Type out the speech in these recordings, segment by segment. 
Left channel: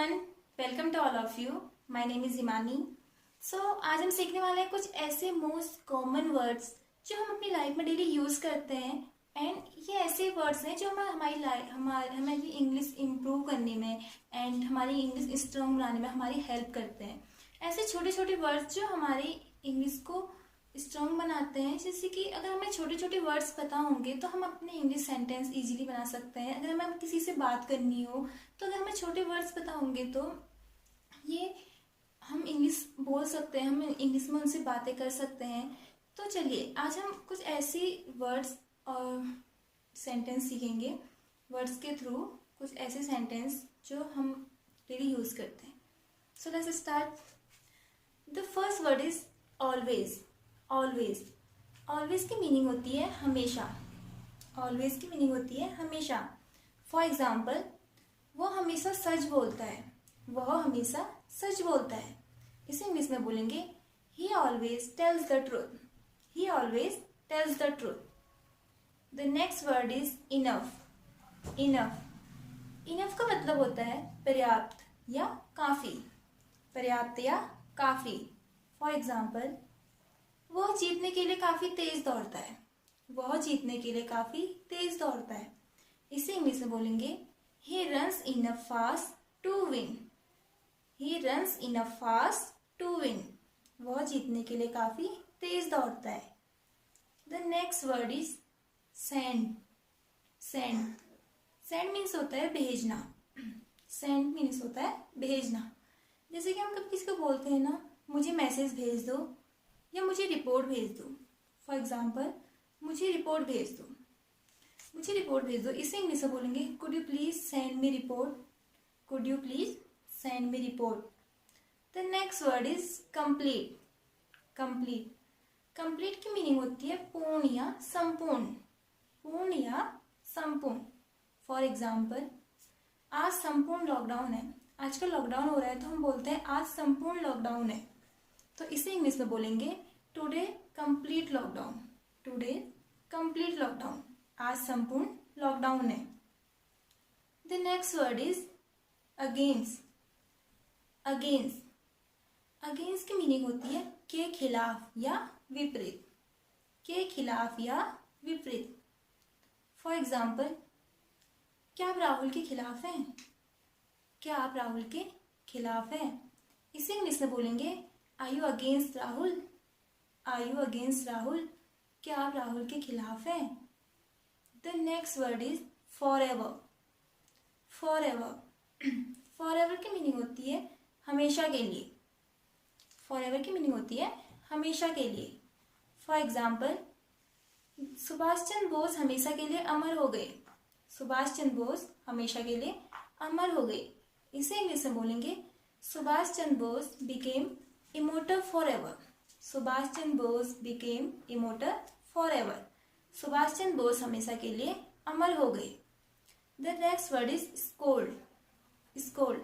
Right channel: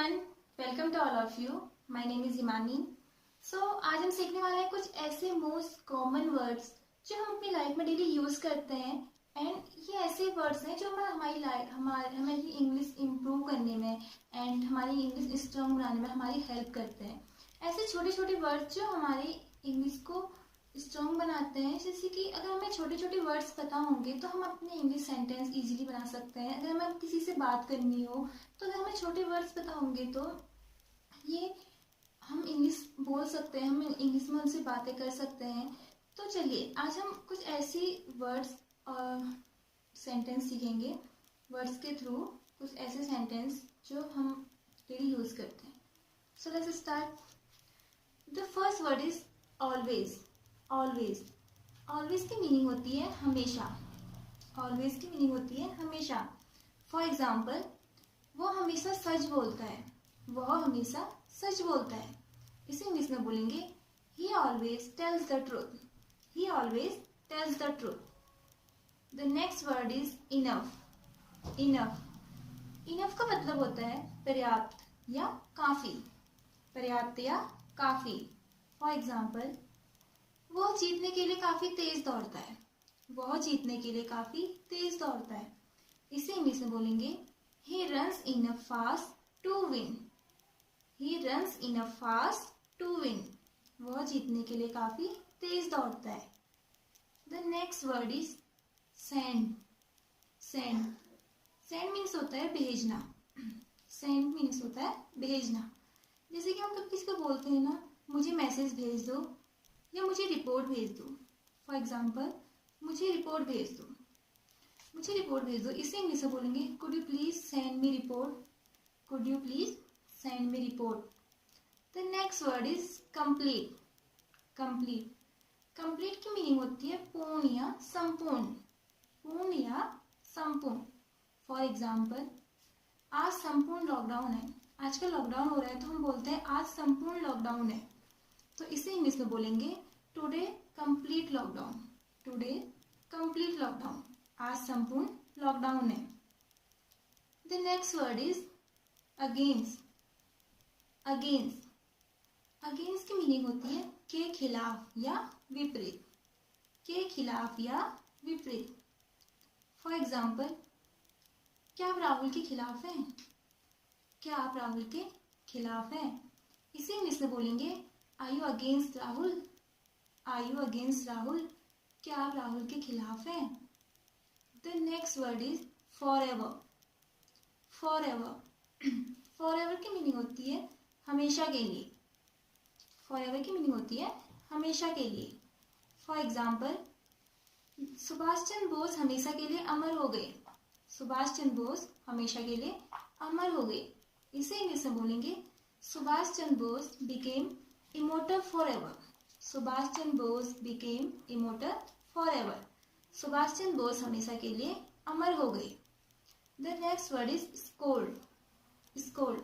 everyone, welcome to all of you. My name is Himani. आज हम सीखने वाले हैं कुछ ऐसे मोस्ट कॉमन वर्ड्स जो हम अपनी लाइफ में डेली यूज करते हैं एंड ये ऐसे वर्ड्स हैं जो हमारी इंग्लिश इम्प्रूव करने में एंड हमारी इंग्लिश स्ट्रांग बनाने में हमारी हेल्प करते हैं. ऐसे छोटे छोटे वर्ड्स जो हमारी इंग्लिश को स्ट्रॉन्ग बनाते हैं. जैसे कि अगर हमें छोटे छोटे वर्ड्स पता होंगे तो हम अपने इंग्लिश सेंटेंस इजीली बना सकते हैं. अगर हमें किसी से बात करनी हो तो अगर हमें छोटे वर्ड्स पता होंगे तो ये हम इंग्लिश बोल सकते हैं, हम इंग्लिश में उनसे बातें कर सकते हैं. तो चलिए आज हम कुछ ऐसी वर्ड्स और सेंटेंस सीखेंगे. वर्ड्स के थ्रू कुछ ऐसे सेंटेंस जो हम डेली यूज़ करते हैं. So let's start. The first word is always. Always. Always की मीनिंग होती है हमेशा. ऑलवेज की मीनिंग होती है हमेशा. फॉर एग्जाम्पल, वो हमेशा सच बोलता है. वह हमेशा सच बोलता है. इसे इंग्लिश में बोलेंगे ही always tells the truth. He always tells the truth. The next word is enough. Enough. Enough का मतलब होता है पर्याप्त या काफी. पर्याप्त या काफी. फॉर एग्जाम्पल, वह जीतने के लिए काफी तेज दौड़ता है. वह जीतने के लिए काफी तेज दौड़ता है. इसे इंग्लिश में बोलेंगे he runs enough fast to win. He runs enough fast to win. वह जीतने के लिए काफी तेज दौड़ता है. The next word is send. Send. Send means होता है भेजना. सेंड मीन्स होता है भेजना. जैसे कि हम कभी किसी को बोलते हैं ना, मुझे मैसेज भेज दो या मुझे रिपोर्ट भेज दो. फॉर एग्जाम्पल, मुझे रिपोर्ट भेज दो. मुझे रिपोर्ट भेज दो. इसे इंग्लिश में बोलेंगे could you please send me report. Could you please send me report. The next word is complete. Complete. Complete की मीनिंग होती है पूर्ण या संपूर्ण. पूर्ण या संपूर्ण. फॉर एग्जाम्पल, आज संपूर्ण लॉकडाउन है. आजकल लॉकडाउन हो रहा है तो हम बोलते हैं आज संपूर्ण लॉकडाउन है. तो इसे इंग्लिश में बोलेंगे today complete lockdown. Today complete lockdown. आज संपूर्ण लॉकडाउन है. The next word is against. Against. Against की मीनिंग होती है के खिलाफ या विपरीत. के खिलाफ या विपरीत. फॉर एग्जाम्पल, क्या आप राहुल के खिलाफ हैं. क्या आप राहुल के खिलाफ हैं. इसे इंग्लिश में बोलेंगे are you against Rahul. Are you against Rahul. क्या आप राहुल के खिलाफ हैं. The next word is forever. Forever. Forever की मीनिंग होती है हमेशा के लिए. फॉर एवर की मीनिंग होती है हमेशा के लिए. फॉर एग्जाम्पल, सुभाष चंद्र बोस हमेशा के लिए अमर हो गए. सुभाष चंद्र बोस हमेशा के लिए अमर हो गए. इसे इंग्लिश में बोलेंगे Subhash Chandra Bose became immortal for ever. Subhash Chandra Bose became immortal for ever. Subhash Chandra Bose हमेशा के लिए अमर हो गए. The next word is scold. Scold.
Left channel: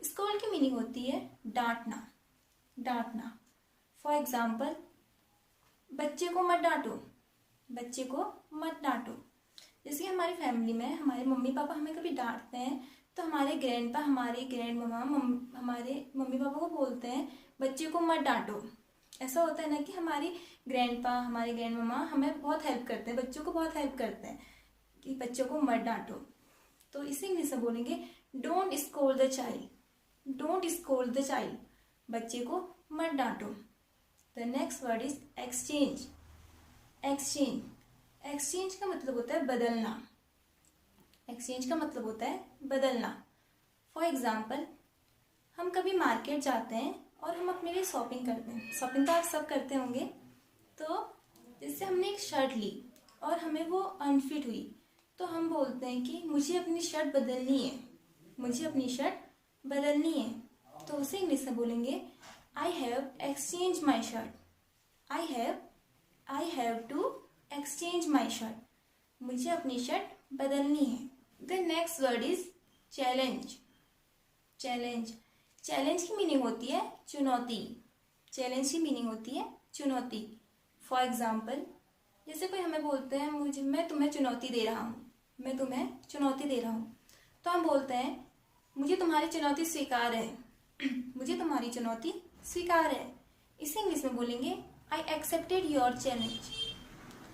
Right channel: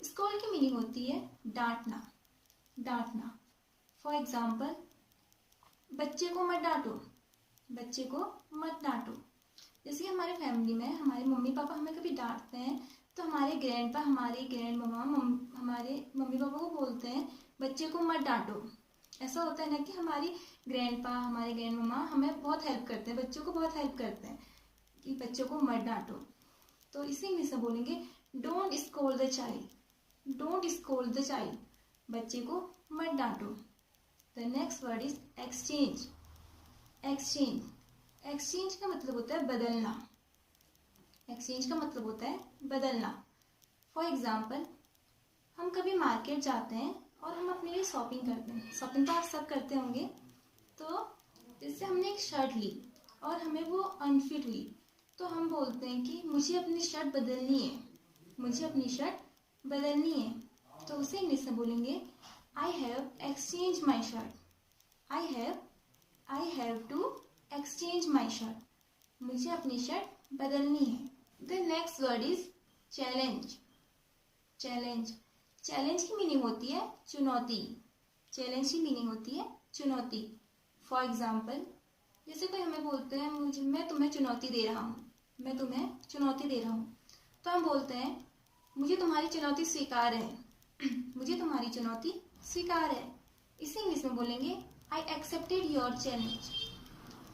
Scold की मीनिंग होती है डांटना. डांटना. फॉर एग्जाम्पल, बच्चे को मत डांटो. बच्चे को मत डांटो. जैसे कि हमारी फैमिली में हमारे मम्मी पापा हमें कभी डांटते हैं तो हमारे ग्रैंड पा, हमारे ग्रैंड ममा हमारे मम्मी पापा को बोलते हैं बच्चे को मत डांटो. ऐसा होता है ना कि हमारी ग्रैंड पा, हमारे ग्रैंड ममा हमें बहुत हेल्प करते हैं, बच्चों को बहुत हेल्प करते हैं कि बच्चों को मत डांटो. तो इसे इंग्लिश में बोलेंगे don't scold the child. Don't scold the child. बच्चे को मत डांटो. The next word is exchange. Exchange. Exchange का मतलब होता है बदलना. एक्सचेंज का मतलब होता है बदलना. फॉर एग्जाम्पल, हम कभी मार्केट जाते हैं और हम अपने लिए शॉपिंग करते हैं. शॉपिंग तो आप सब करते होंगे. तो जैसे हमने एक शर्ट ली और हमें वो अनफिट हुई तो हम बोलते हैं कि मुझे अपनी शर्ट बदलनी है. मुझे अपनी शर्ट बदलनी है. तो उसे इंग्लिश में बोलेंगे I have exchange my shirt. I have to exchange my shirt. मुझे अपनी शर्ट बदलनी है. The next word is challenge. Challenge. Challenge की मीनिंग होती है चुनौती. चैलेंज की मीनिंग होती है चुनौती. फॉर एग्जाम्पल, जैसे कोई हमें बोलते हैं मैं तुम्हें चुनौती दे रहा हूँ. मैं तुम्हें चुनौती दे रहा हूँ. तो हम बोलते हैं मुझे तुम्हारी चुनौती स्वीकार है। मुझे तुम्हारी चुनौती स्वीकार है। इसे इंग्लिश में बोलेंगे I accepted your challenge.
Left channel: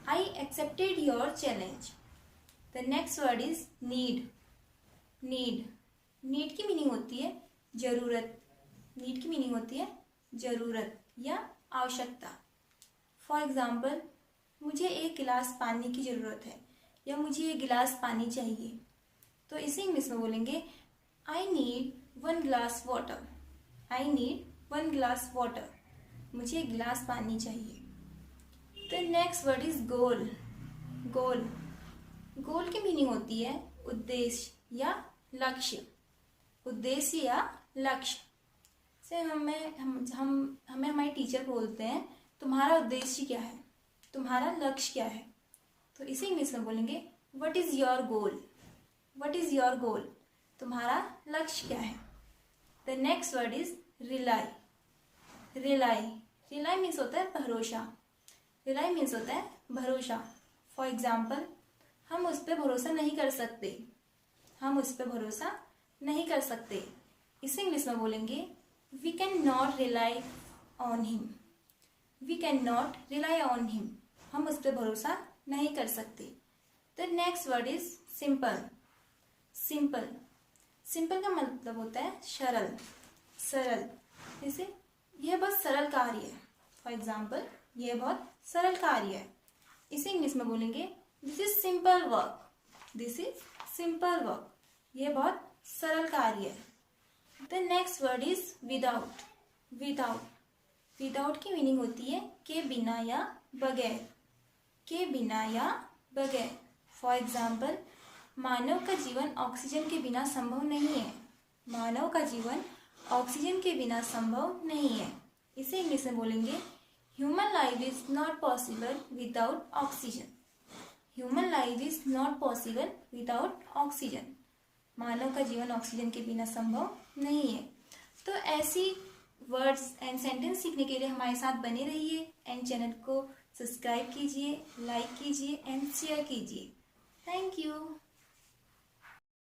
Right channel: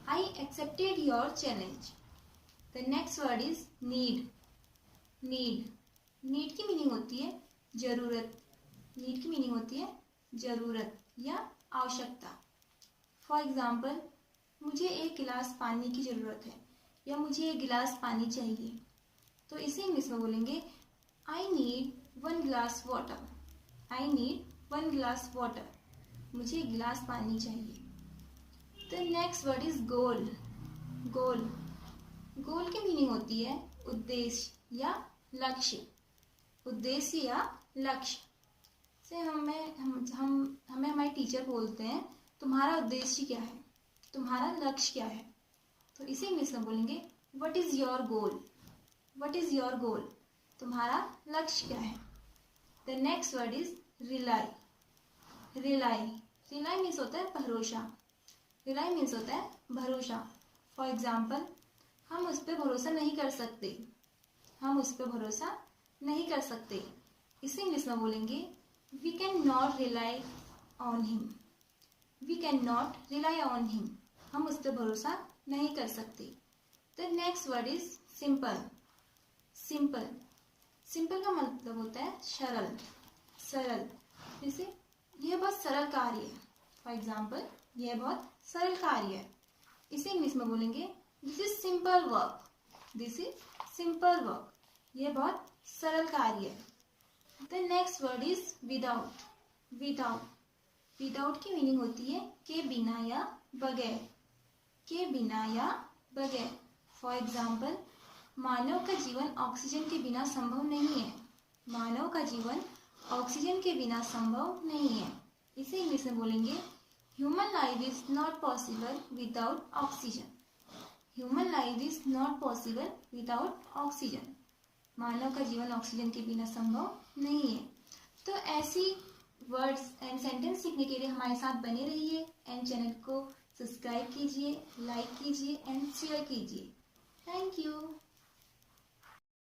I accepted your challenge. The next word is need. Need, need की मीनिंग होती है जरूरत। नीड की मीनिंग होती है जरूरत या आवश्यकता। फॉर एग्जाम्पल, मुझे एक गिलास पानी की ज़रूरत है या मुझे एक गिलास पानी चाहिए, तो इसे इंग्लिश में बोलेंगे I need 1 glass water. I need 1 glass water. मुझे एक गिलास पानी चाहिए। द नेक्स्ट वर्ड इज गोल। गोल, गोल की मीनिंग होती है उद्देश्य या लक्ष्य। उद्देश्य या लक्ष्य से हमें हमारे टीचर बोलते हैं तुम्हारा उद्देश्य क्या है, तुम्हारा लक्ष्य क्या है, तो इसी इंग्लिश में बोलेंगे what is your goal. What is your goal, तुम्हारा लक्ष्य क्या है। The next word is rely. Rely, rely means होता है भरोसा। रिलाई मीन्स होता है भरोसा। फॉर एग्जाम्पल, हम उस पर भरोसा नहीं कर सकते। हम उस पर भरोसा नहीं कर सकते। इसे इंग्लिश में बोलेंगे we can not rely on him. We can not rely on him. हम उस पर भरोसा नहीं कर सकते। The next word is simple. Simple, simple का मतलब होता है सरल। सरल, जैसे यह बहुत सरल कार्य है। फॉर एग्जाम्पल, यह बहुत सरल कार्य है। इसे इंग्लिश में बोलेंगे this is simple work. This is simple work. यह बहुत सरल कार्य है। The next word is without. Without, without की मीनिंग होती है के बिना या बगैर। के बिना या बगैर। फॉर एग्जाम्पल, मानव का जीवन ऑक्सीजन के बिना संभव नहीं है। मानव का जीवन ऑक्सीजन के बिना संभव नहीं है। इसे इंग्लिश में बोलेंगे human life is not possible without oxygen. Human life is not possible without oxygen. मानव का जीवन ऑक्सीजन के बिना संभव नहीं है। तो ऐसी वर्ड्स एंड सेंटेंस सीखने के लिए हमारे साथ बने रहिए एंड चैनल को सब्सक्राइब कीजिए, लाइक कीजिए एंड शेयर कीजिए। Thank you.